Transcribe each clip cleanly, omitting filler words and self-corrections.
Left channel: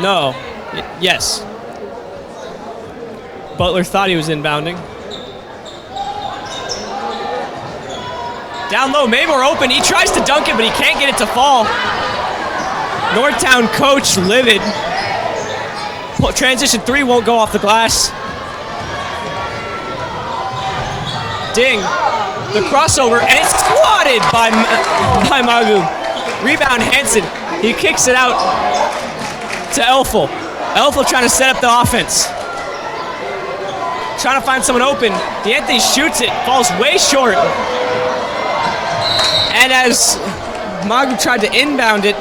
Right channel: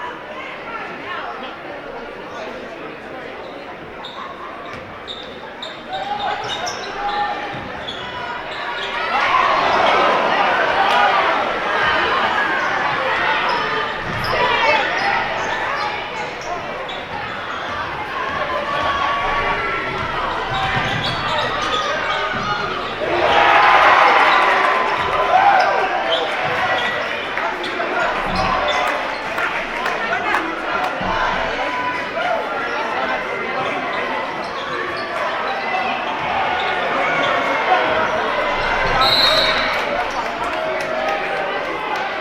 No. Yes. Butler thought he was inbounding. Down low, Maymore open. He tries to dunk it, but he can't get it to fall. Northtown coach livid. Transition 3 won't go off the glass. Ding. The crossover, and it's swatted by Magu. Rebound Hansen. He kicks it out to Elfel. Elfel trying to set up the offense. Trying to find someone open. D'Anthony shoots it, falls way short. And as Magu tried to inbound it,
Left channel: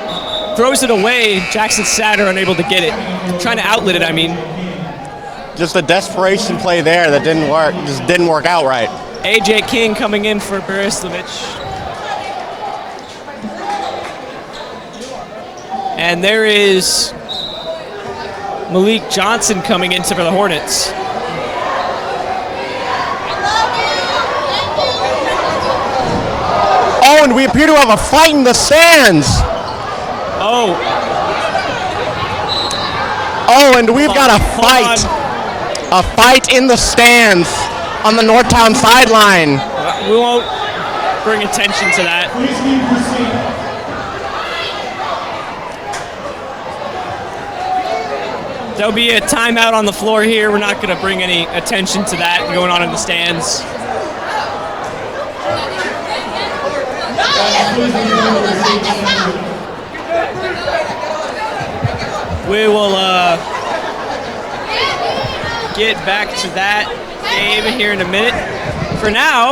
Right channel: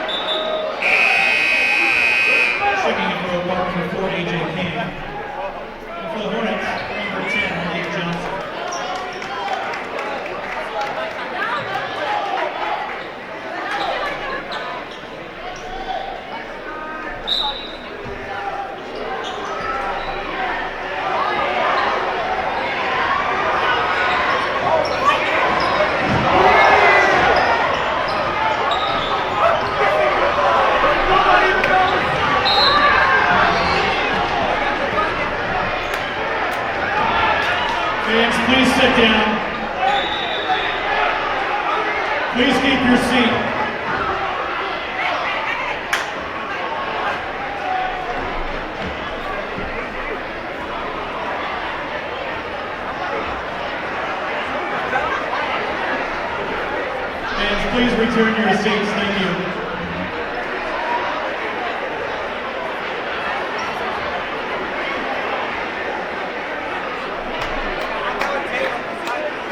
throws it away, Jackson Satter unable to get it. Trying to outlet it, I mean. Just a desperation play there that didn't work, just didn't work out right. AJ King coming in for Baristovic. And there is Malik Johnson coming in for the Hornets. Oh, and we appear to have a fight in the stands. Oh, and we've got a fight. A fight in the stands on the Northtown sideline. We won't bring attention to that. Please keep your seat. There'll be a timeout on the floor here. We're not going to bring any attention to that going on in the stands. We will get back to that game here in a minute. For now,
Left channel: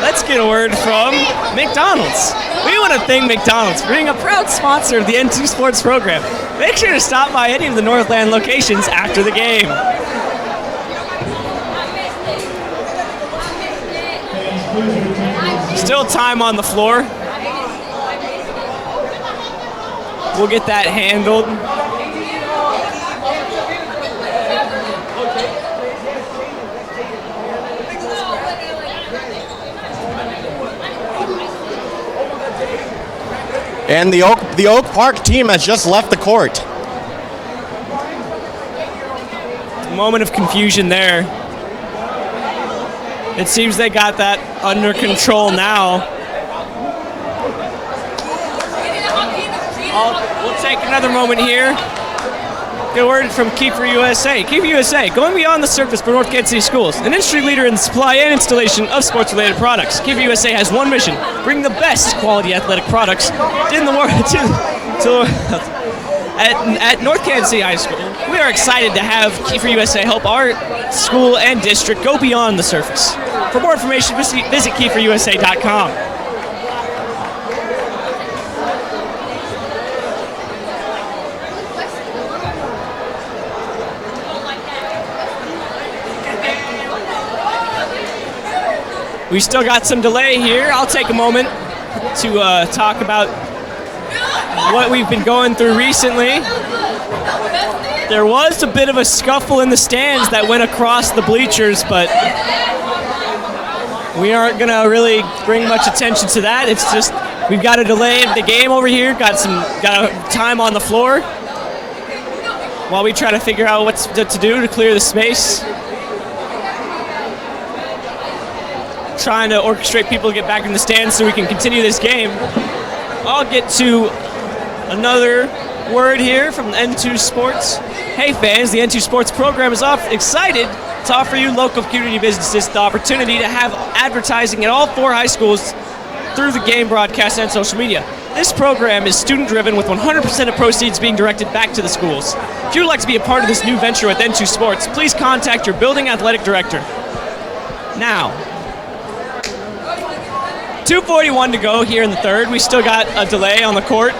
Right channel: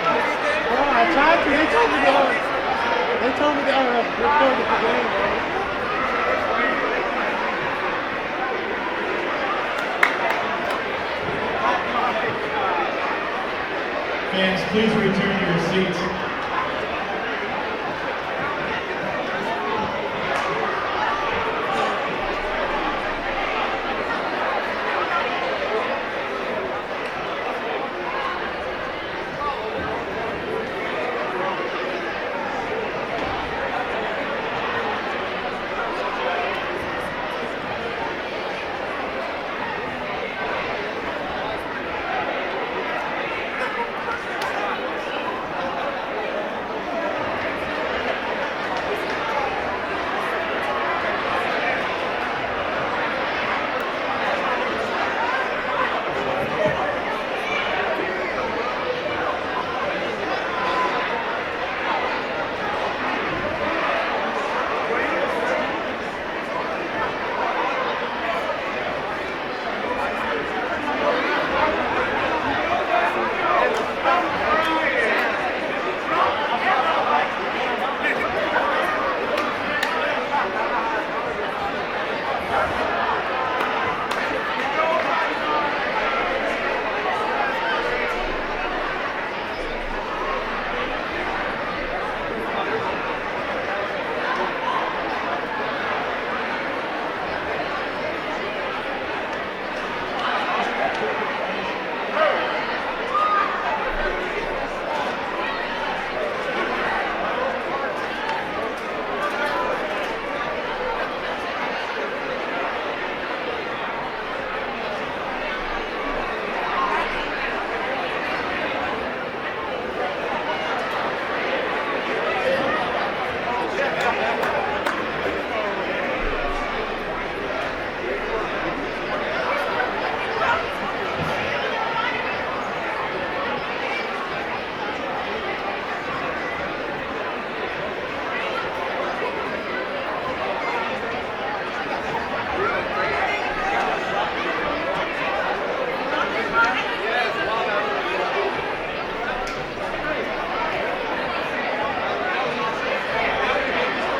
let's get a word from McDonald's. We want to thank McDonald's for being a proud sponsor of the N2 Sports program. Make sure to stop by any of the Northland locations after the game. Still time on the floor. We'll get that handled. And the Oak Park team has just left the court. A moment of confusion there. It seems they got that under control now. We'll take another moment here. Good word from Keeper USA. Keeper USA, going beyond the surface for North Kansas City schools, an industry leader in the supply and installation of sports-related products. Keeper USA has one mission: bring the best quality athletic products in the world at North Kansas City High School. We are excited to have Keeper USA help our school and district go beyond the surface. For more information, visit KeeperUSA.com. We still got some delay here. I'll take a moment to talk about what we've been going through recently. There was a bit of a scuffle in the stands that went across the bleachers, but we aren't going to really bring much attention to that. It's just we've got a delay of the game over here, got a time on the floor while we try to figure out what to do to clear the space. Trying to orchestrate people to get back in the stands so we can continue this game. I'll get to another word here from N2 Sports. Hey fans, the N2 Sports program is excited to offer you local community businesses the opportunity to have advertising at all 4 high schools through the game broadcast and social media. This program is student-driven with 100% of proceeds being directed back to the schools. If you would like to be a part of this new venture with N2 Sports, please contact your building athletic director. Now, 2:41 to go here in the third. We still got a delay on the court.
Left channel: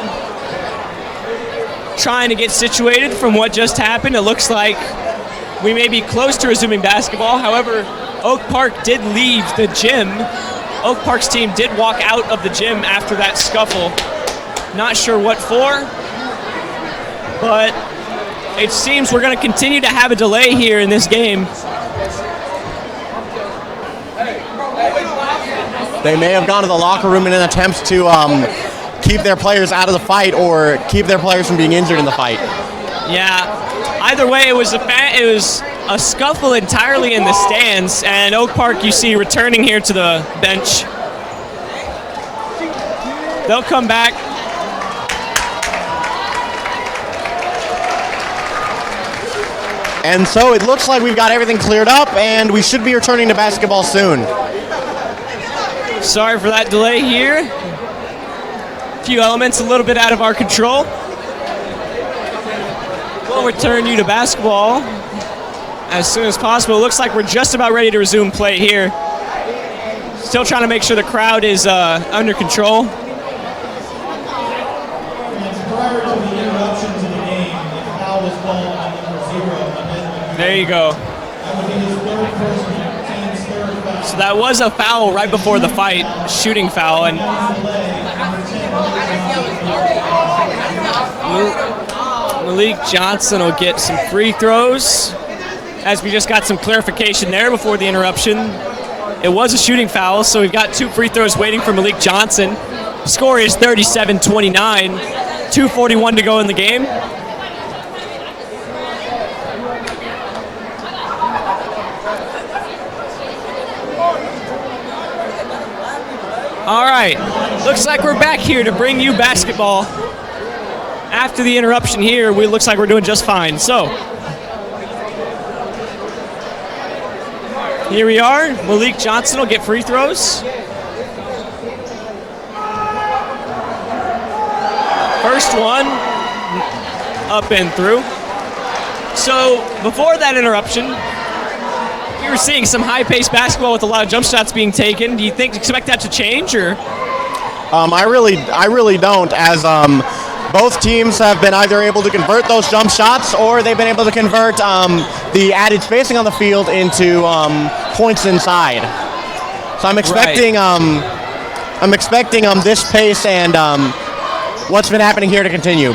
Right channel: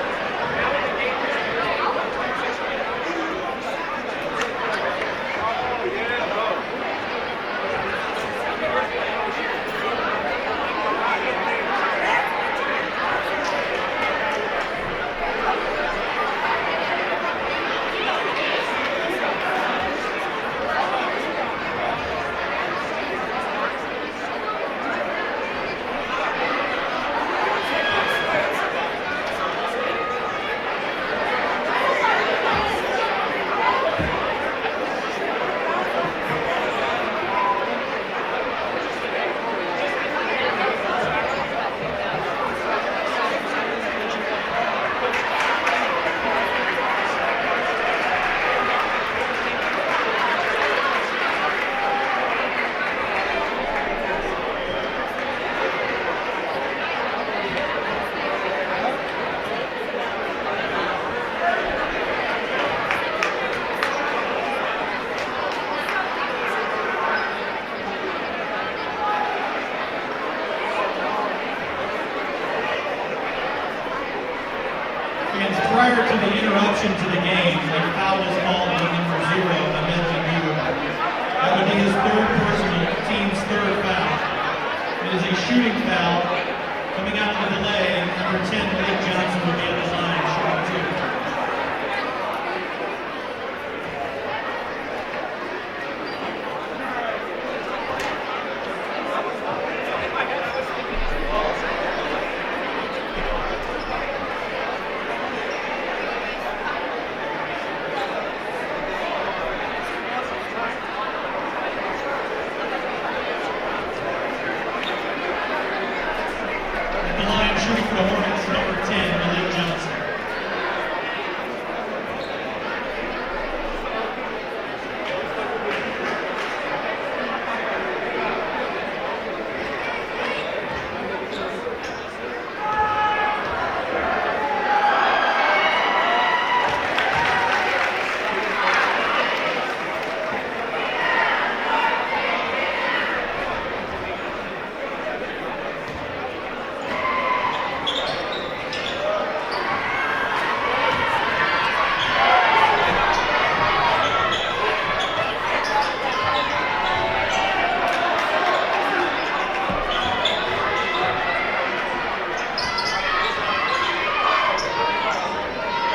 Trying to get situated from what just happened. It looks like we may be close to resuming basketball. However, Oak Park did leave the gym. Oak Park's team did walk out of the gym after that scuffle. Not sure what for, but it seems we're going to continue to have a delay here in this game. They may have gone to the locker room in an attempt to keep their players out of the fight or keep their players from being injured in the fight. Yeah. Either way, it was a scuffle entirely in the stands, and Oak Park, you see, returning here to the bench. They'll come back. And so it looks like we've got everything cleared up, and we should be returning to basketball soon. Sorry for that delay here. A few elements a little bit out of our control. We'll return you to basketball as soon as possible. It looks like we're just about ready to resume play here. Still trying to make sure the crowd is under control. Prior to the interruption to the game, a foul was called on number 0. There you go. That would be his third personal, team's third foul. So that was a foul right before the fight, shooting foul, and Malik Johnson will get some free throws, as we just got some clarification there before the interruption. It was a shooting foul, so we've got 2 free throws waiting for Malik Johnson. The score is 37-29, 2:41 to go in the game. All right, looks like we're back here to bring you basketball. After the interruption here, looks like we're doing just fine. So, here we are. Malik Johnson will get free throws. First one, up and through. So, before that interruption, we were seeing some high-paced basketball with a lot of jump shots being taken. Do you expect that to change, or? I really don't, as both teams have been either able to convert those jump shots, or they've been able to convert the added spacing on the field into points inside. So I'm expecting this pace and what's been happening here to continue.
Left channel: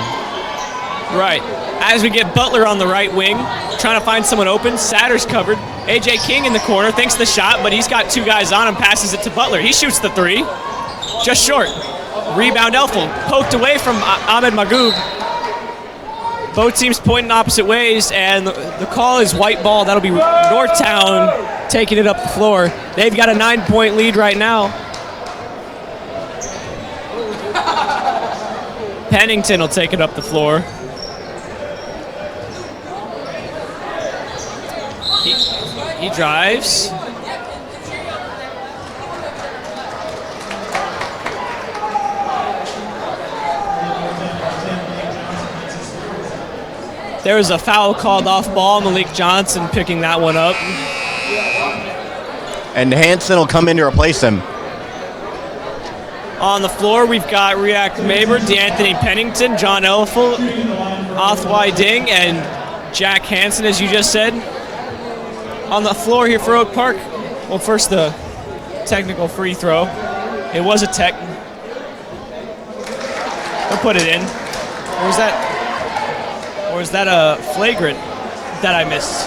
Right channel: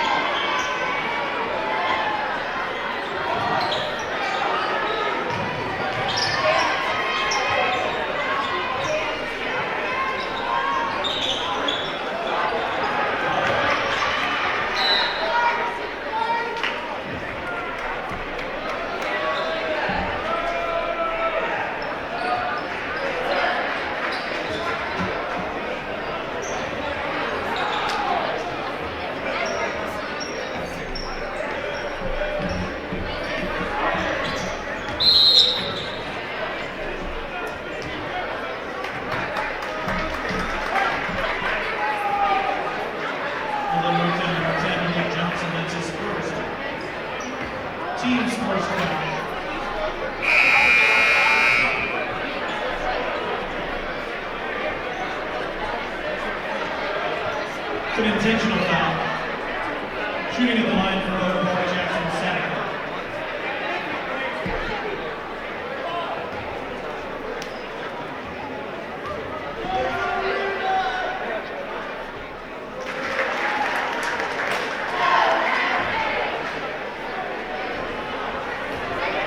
Right. As we get Butler on the right wing, trying to find someone open. Satter's covered. A.J. King in the corner, thinks the shot, but he's got 2 guys on him, passes it to Butler. He shoots the 3. Just short. Rebound Elfel. Poked away from Ahmed Magoub. Both teams pointing opposite ways, and the call is white ball. That'll be Northtown taking it up the floor. They've got a 9-point lead right now. Pennington will take it up the floor. He drives. There was a foul called off ball. Malik Johnson picking that one up. And Hansen will come in to replace him. On the floor, we've got Riak Maber, DeAnthony Pennington, John Elfel, Othwai Ding, and Jack Hansen, as you just said. On the floor here for Oak Park. Well, first the technical free throw. It was a tech. They'll put it in. Or is that a flagrant that I missed?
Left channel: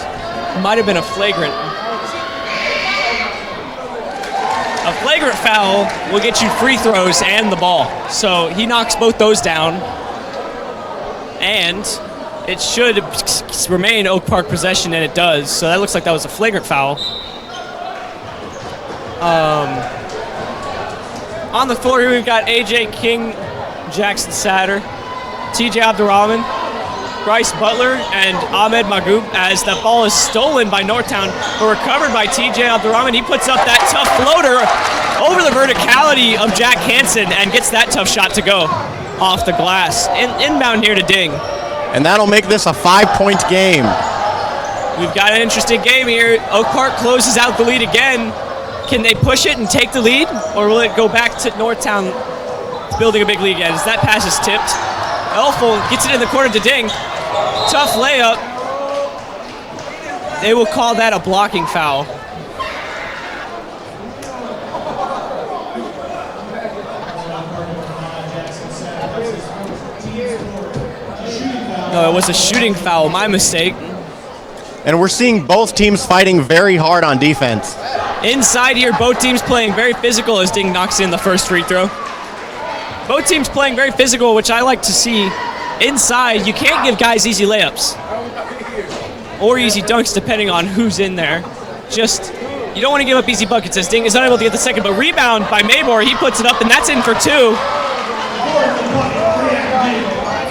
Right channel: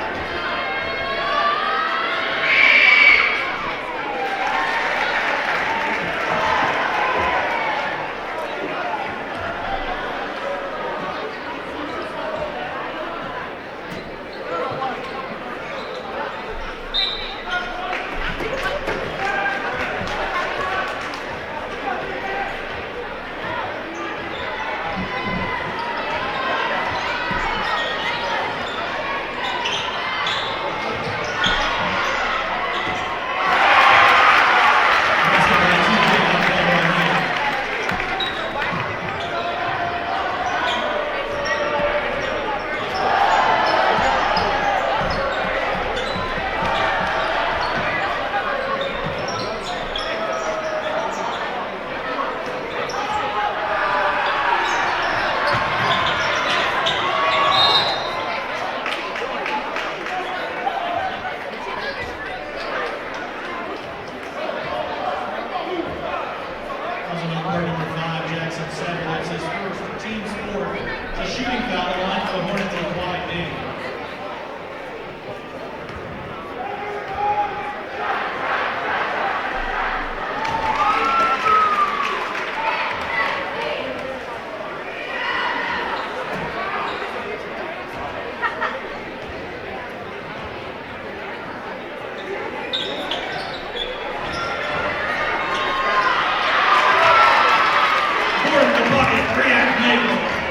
It might have been a flagrant. A flagrant foul will get you free throws and the ball. So he knocks both those down. And it should remain Oak Park possession, and it does. So that looks like that was a flagrant foul. On the floor here, we've got A.J. King, Jackson Satter, T.J. Abdurrahman, Bryce Butler, and Ahmed Magoub, as that ball is stolen by Northtown, but recovered by T.J. Abdurrahman. He puts up that tough floater over the verticality of Jack Hansen and gets that tough shot to go off the glass. Inbound here to Ding. And that'll make this a 5-point game. We've got an interesting game here. Oak Park closes out the lead again. Can they push it and take the lead, or will it go back to Northtown building a big lead again? As that pass is tipped. Elfel gets it in the corner to Ding. Tough layup. They will call that a blocking foul. No, it was a shooting foul. My mistake. And we're seeing both teams fighting very hard on defense. Inside here, both teams playing very physical as Ding knocks in the first free throw. Both teams playing very physical, which I like to see. inside, you can't give guys easy layups or easy dunks depending on who's in there. Just, you don't want to give up easy buckets as Ding is unable to get the second, but rebound by Mabor, he puts it up and that's in for 2.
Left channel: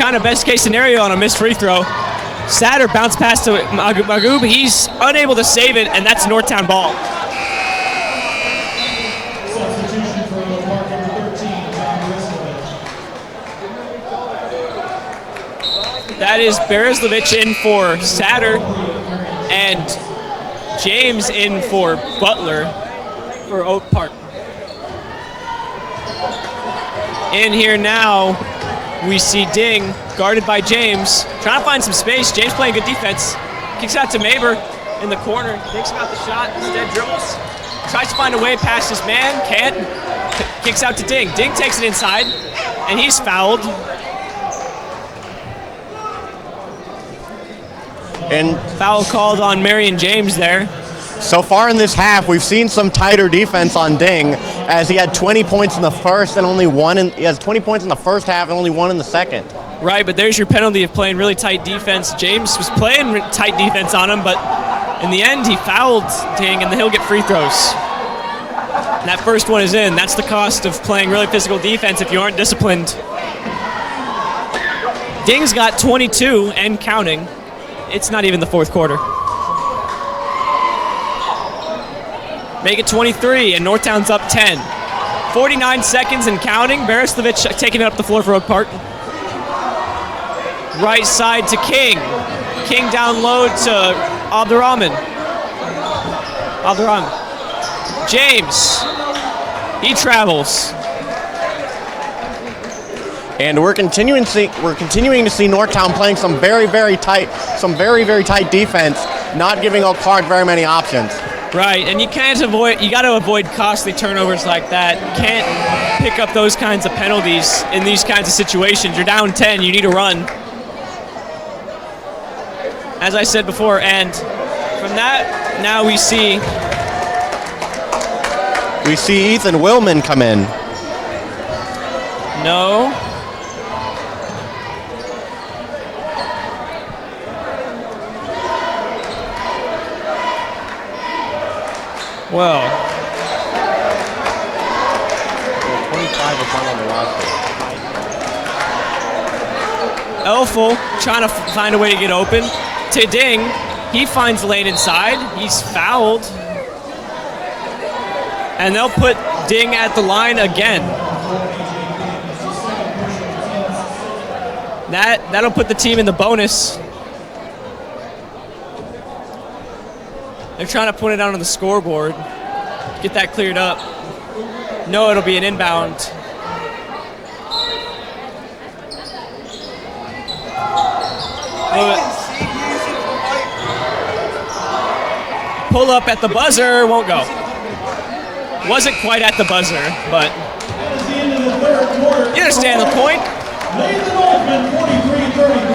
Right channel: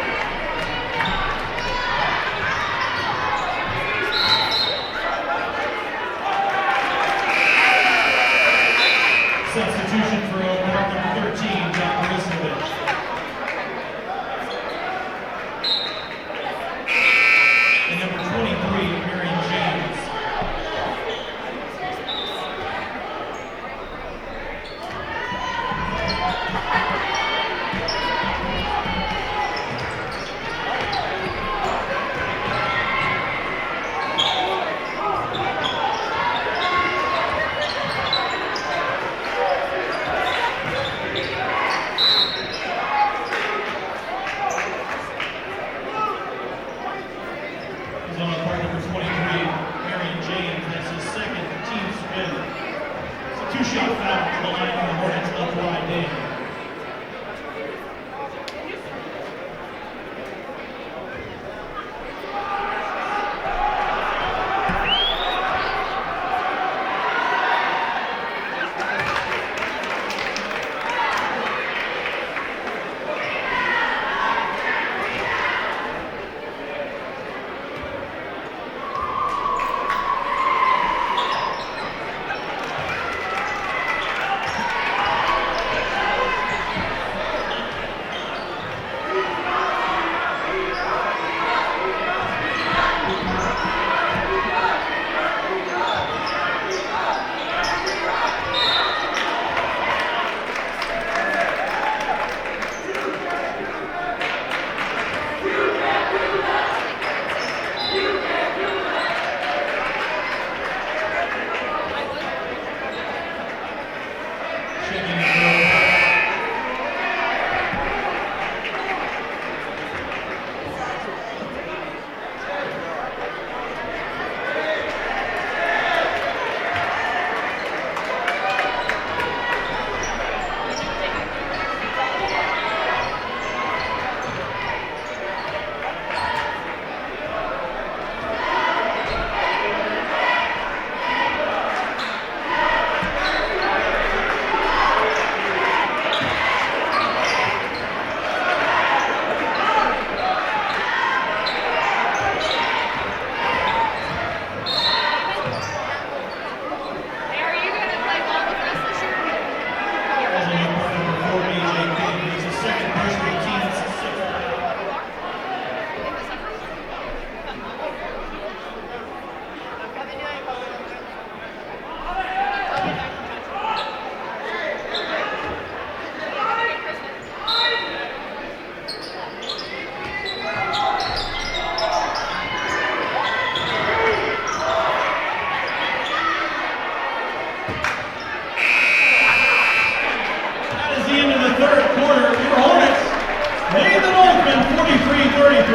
Kind of best case scenario on a missed free throw. Satter bounced past to Magoob, he's unable to save it, and that's Northtown ball. Substitution for Oak Park, number 13, John Bereslovich. That is Bereslovich in for Satter, and James in for Butler for Oak Park. In here now, we see Ding guarded by James, trying to find some space. James playing good defense. Kicks out to Mabor in the corner. Thinks about the shot, instead dribbles. Tries to find a way past his man, can't. Kicks out to Ding. Ding takes it inside, and he's fouled. And Foul called on Marion James there. so far in this half, we've seen some tighter defense on Ding, as he had 20 points in the first and only one he has 20 points in the first half and only 1 in the second. Right, but there's your penalty of playing really tight defense. James was playing tight defense on him, but in the end, he fouled Ding, and then he'll get free throws. And that first one is in. That's the cost of playing really physical defense if you aren't disciplined. Ding's got 22 and counting. It's not even the fourth quarter. Make it 23, and Northtown's up 10. 49 seconds and counting. Bereslovich taking it up the floor for Oak Park. Right side to King. King down low to Abdurrahman. James. He travels. And we're continuing to see Northtown playing some very, very tight defense, not giving Oak Park very many options. Right, and you got to avoid costly turnovers like that. You can't pick up those kinds of penalties in these kinds of situations. You're down 10, you need a run. As I said before, and from that, now we see Ethan Willman come in. No. Well, Elful trying to find a way to get open. To Ding, he finds lane inside. He's fouled. And they'll put Ding at the line again. That'll put the team in the bonus. They're trying to put it out on the scoreboard. Get that cleared up. No, it'll be an inbound. Pull up at the buzzer, won't go. Wasn't quite at the buzzer, but you understand the point.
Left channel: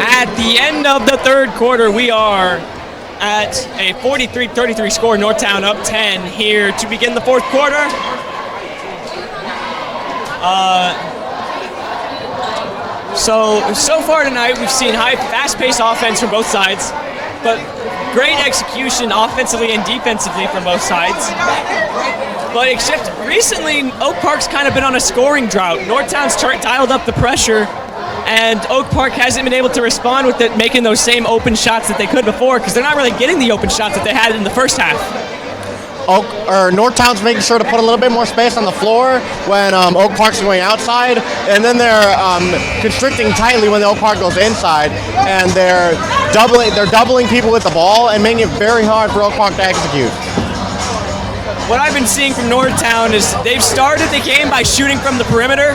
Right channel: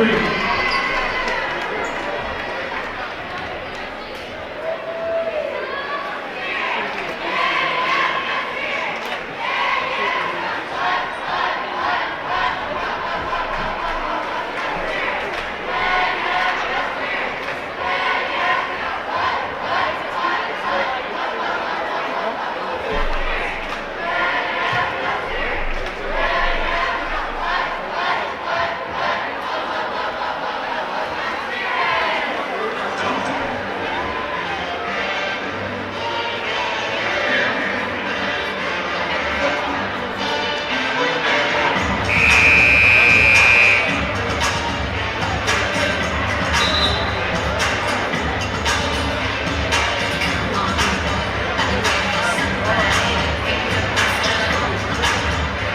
At the end of the third quarter, we are at a 43-33 score. Northtown up 10 here to begin the fourth quarter. So far tonight, we've seen high, fast-paced offense from both sides, but great execution offensively and defensively from both sides. But except recently, Oak Park's kind of been on a scoring drought. Northtown's dialed up the pressure, and Oak Park hasn't been able to respond with it, making those same open shots that they could before, because they're not really getting the open shots that they had in the first half. Northtown's making sure to put a little bit more space on the floor when Oak Park's going outside, and then they're constricting tightly when the Oak Park goes inside, and they're doubling people with the ball and making it very hard for Oak Park to execute. What I've been seeing from Northtown is they've started the game by shooting from the perimeter,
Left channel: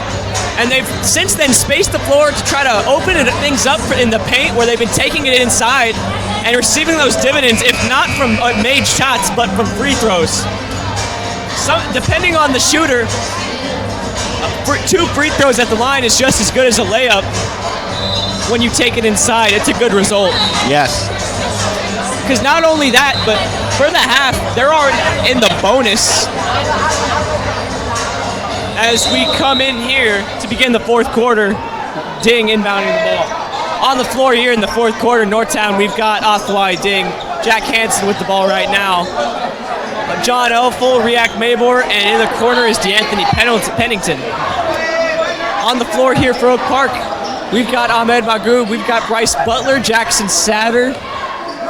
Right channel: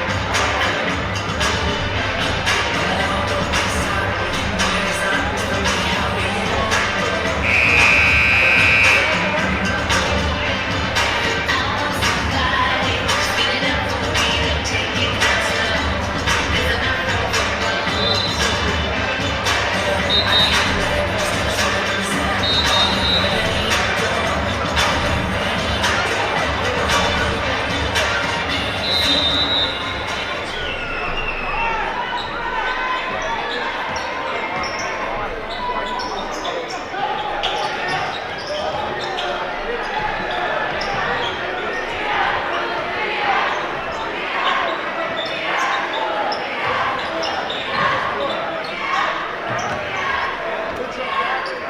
and they've since then spaced the floor to try to open things up in the paint, where they've been taking it inside and receiving those dividends, if not from made shots, but from free throws. Depending on the shooter, 2 free throws at the line is just as good as a layup. When you take it inside, it's a good result. Yes. Because not only that, but for the half, they're already in the bonus. As we come in here to begin the fourth quarter, Ding inbounding the ball. On the floor here in the fourth quarter, Northtown, we've got Athwai Ding, Jack Hansen with the ball right now. John Elful, React Mabor, and in the corner is DeAnthony Pennington. On the floor here for Oak Park, we've got Ahmed Magoo, we've got Bryce Butler, Jackson Satter,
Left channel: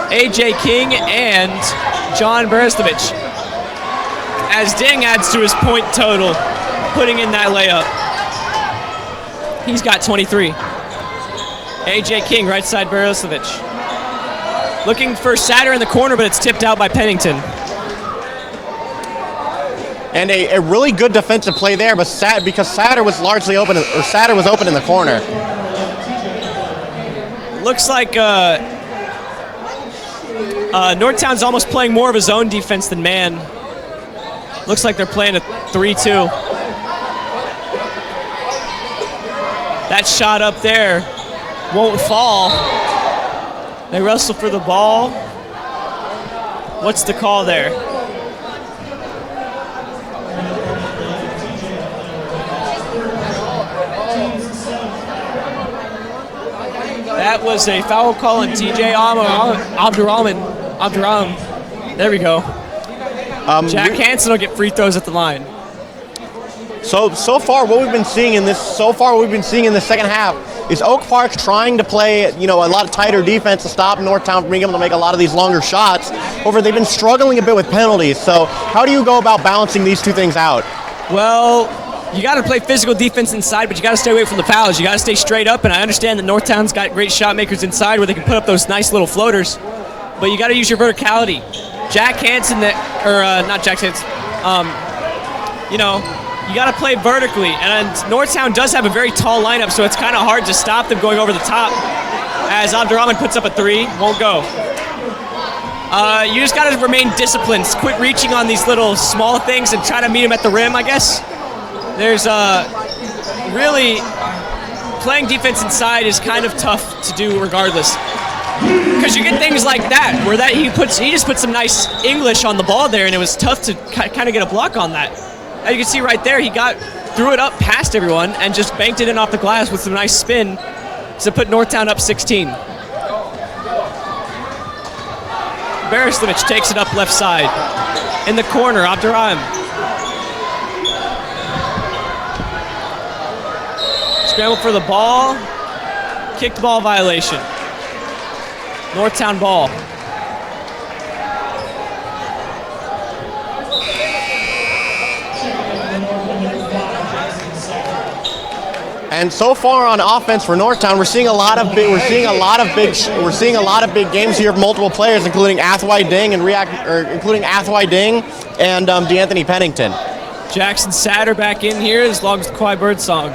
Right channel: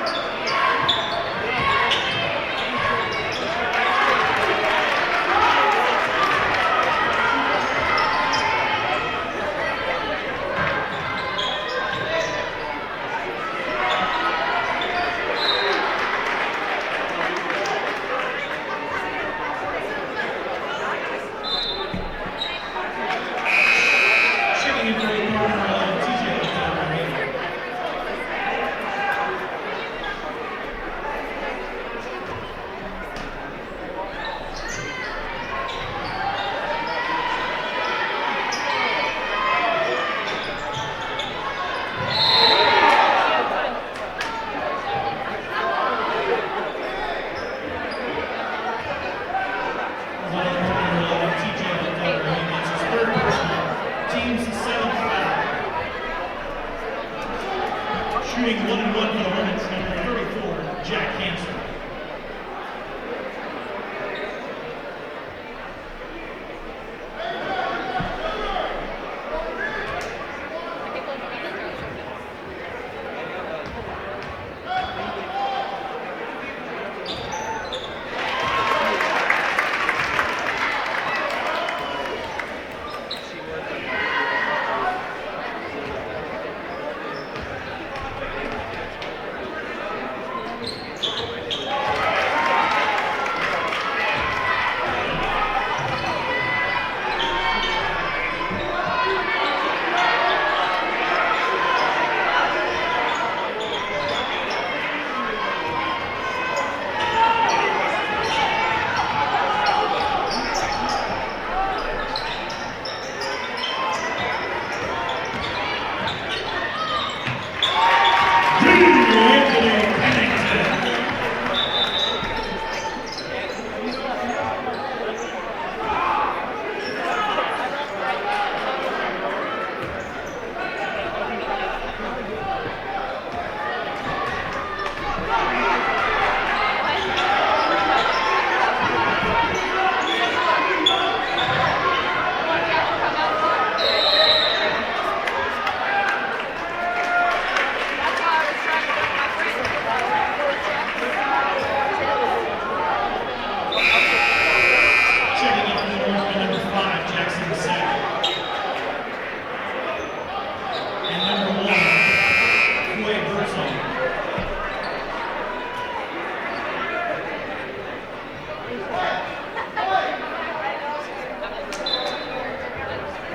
AJ King, and John Berestovich. As Ding adds to his point total, putting in that layup. He's got 23. AJ King, right side Berestovich. Looking for Satter in the corner, but it's tipped out by Pennington. And a really good defensive play there, but because Satter was largely open, or Satter was open in the corner. Looks like Northtown's almost playing more of a zone defense than man. Looks like they're playing a 3-2. That shot up there won't fall. They wrestle for the ball. What's the call there? That was a foul call on TJ Abdurrahman. There we go. Jack Hansen will get free throws at the line. So far what we've been seeing in this second half is Oak Park trying to play, a lot of tighter defense to stop Northtown from being able to make a lot of these longer shots. However, they've been struggling a bit with penalties. So how do you go about balancing these two things out? Well, you got to play physical defense inside, but you got to stay away from the fouls. You got to stay straight up, and I understand that Northtown's got great shot makers inside where they can put up those nice little floaters, but you got to use your verticality. Jack Hansen, not Jack Hansen, you got to play vertically, and Northtown does have a very tall lineup, so it's kind of hard to stop them going over the top. As Abdurrahman puts up a three, won't go. You just got to remain disciplined. Quit reaching on these little small things and try to meet them at the rim, I guess. There's really playing defense inside is kind of tough to do regardless. Because you get things like that, where he just put some nice English on the ball there, and it was tough to kind of get a block on that. As you can see right there, he threw it up past everyone and just banked it in off the glass with some nice spin to put Northtown up 16. Berestovich takes it up left side. In the corner, Abdurrahman. Scramble for the ball. Kicked ball violation. Northtown ball. And so far on offense for Northtown, we're seeing a lot of big games here of multiple players, including Athwai Ding and DeAnthony Pennington. Jackson Satter back in here as long as the Kawhi Birdsong.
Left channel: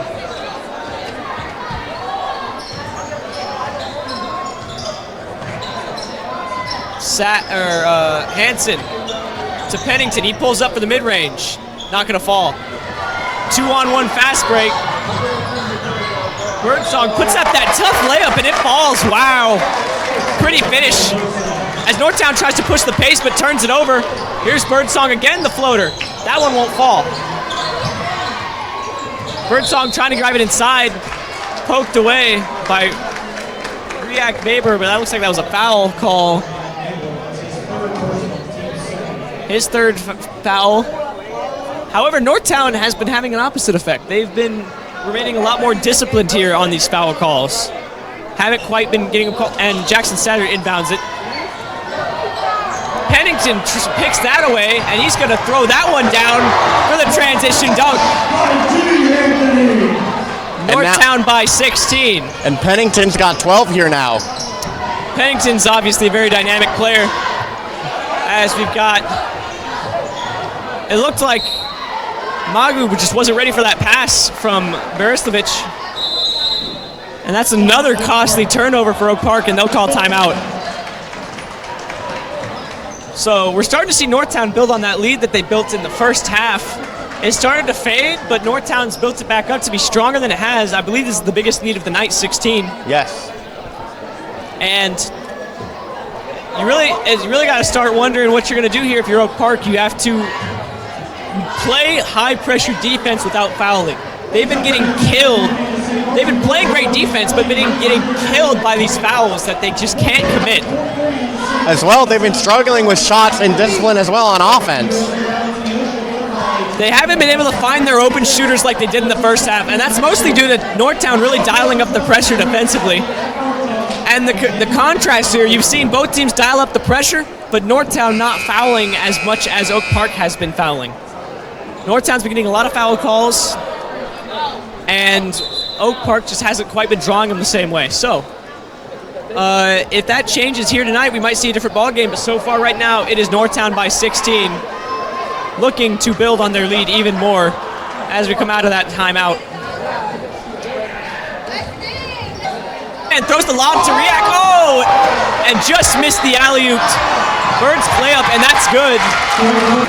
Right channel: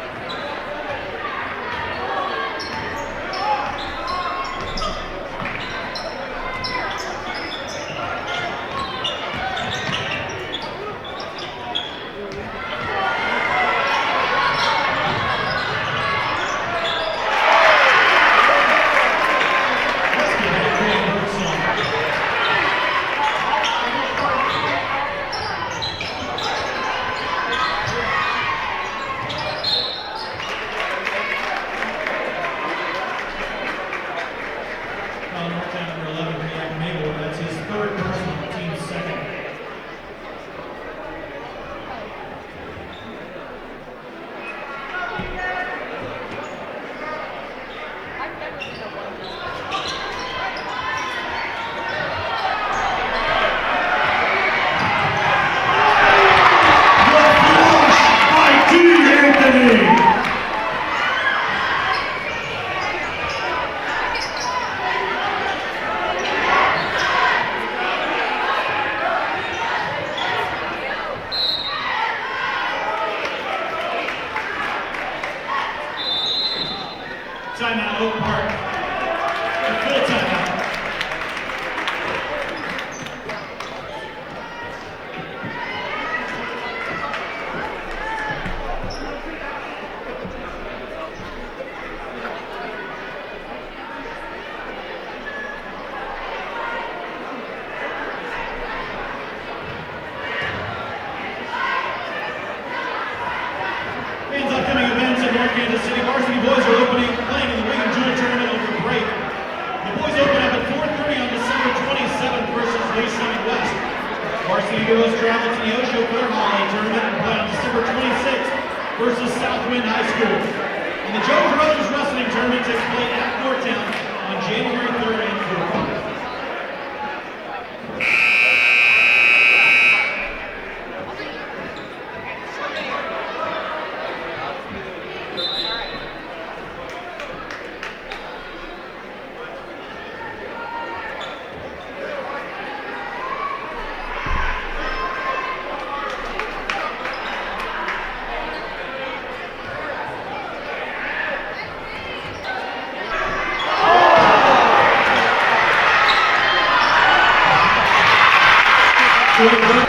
Hansen to Pennington. He pulls up for the mid-range. Not going to fall. 2-on-1 fast break. Birdsong puts up that tough layup and it falls. Wow. Pretty finish. As Northtown tries to push the pace but turns it over. Here's Birdsong again, the floater. That one won't fall. Birdsong trying to drive it inside. Poked away by React Mabor, but that looks like that was a foul call. His third foul. However, Northtown has been having an opposite effect. They've been remaining a lot more disciplined here on these foul calls. Haven't quite been getting a call, and Jackson Satter inbounds it. Pennington picks that away, and he's going to throw that one down for the transition dunk. Northtown by 16. And Pennington's got 12 here now. Pennington's obviously a very dynamic player. As we've got, it looked like Magoo just wasn't ready for that pass from Berestovich. And that's another costly turnover for Oak Park, and they'll call timeout. So we're starting to see Northtown build on that lead that they built in the first half. It started to fade, but Northtown's built it back up to be stronger than it has. I believe this is the biggest lead of the night, 16. Yes. And you really got to start wondering what you're going to do here if you're Oak Park. You have to play high-pressure defense without fouling. They've been getting killed they've been playing great defense, but been getting killed by these fouls that they just can't commit. As well, they've been struggling with shots and discipline as well on offense. They haven't been able to find their open shooters like they did in the first half, and that's mostly due to Northtown really dialing up the pressure defensively. And the contrast here, you've seen both teams dial up the pressure, but Northtown not fouling as much as Oak Park has been fouling. Northtown's been getting a lot of foul calls, and Oak Park just hasn't quite been drawing them the same way. So, if that changes here tonight, we might see a different ball game. But so far, right now, it is Northtown by 16, looking to build on their lead even more as we come out of that timeout. And throws the lob to react. Oh, and just missed the alley-oop. Bird's play up, and that's good.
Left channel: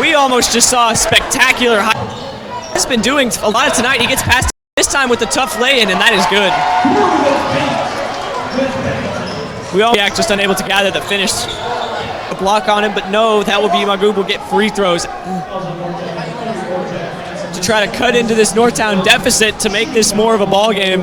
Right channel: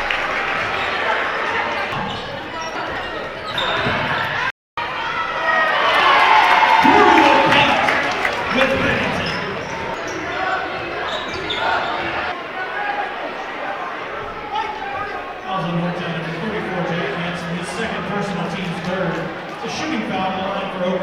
We almost just saw a spectacular high. He's been doing a lot tonight. He gets past this time with the tough lay-in, and that is good. We all just unable to gather the finish. A block on him, but no, that will be Magoo will get free throws to try to cut into this Northtown deficit to make this more of a ball game.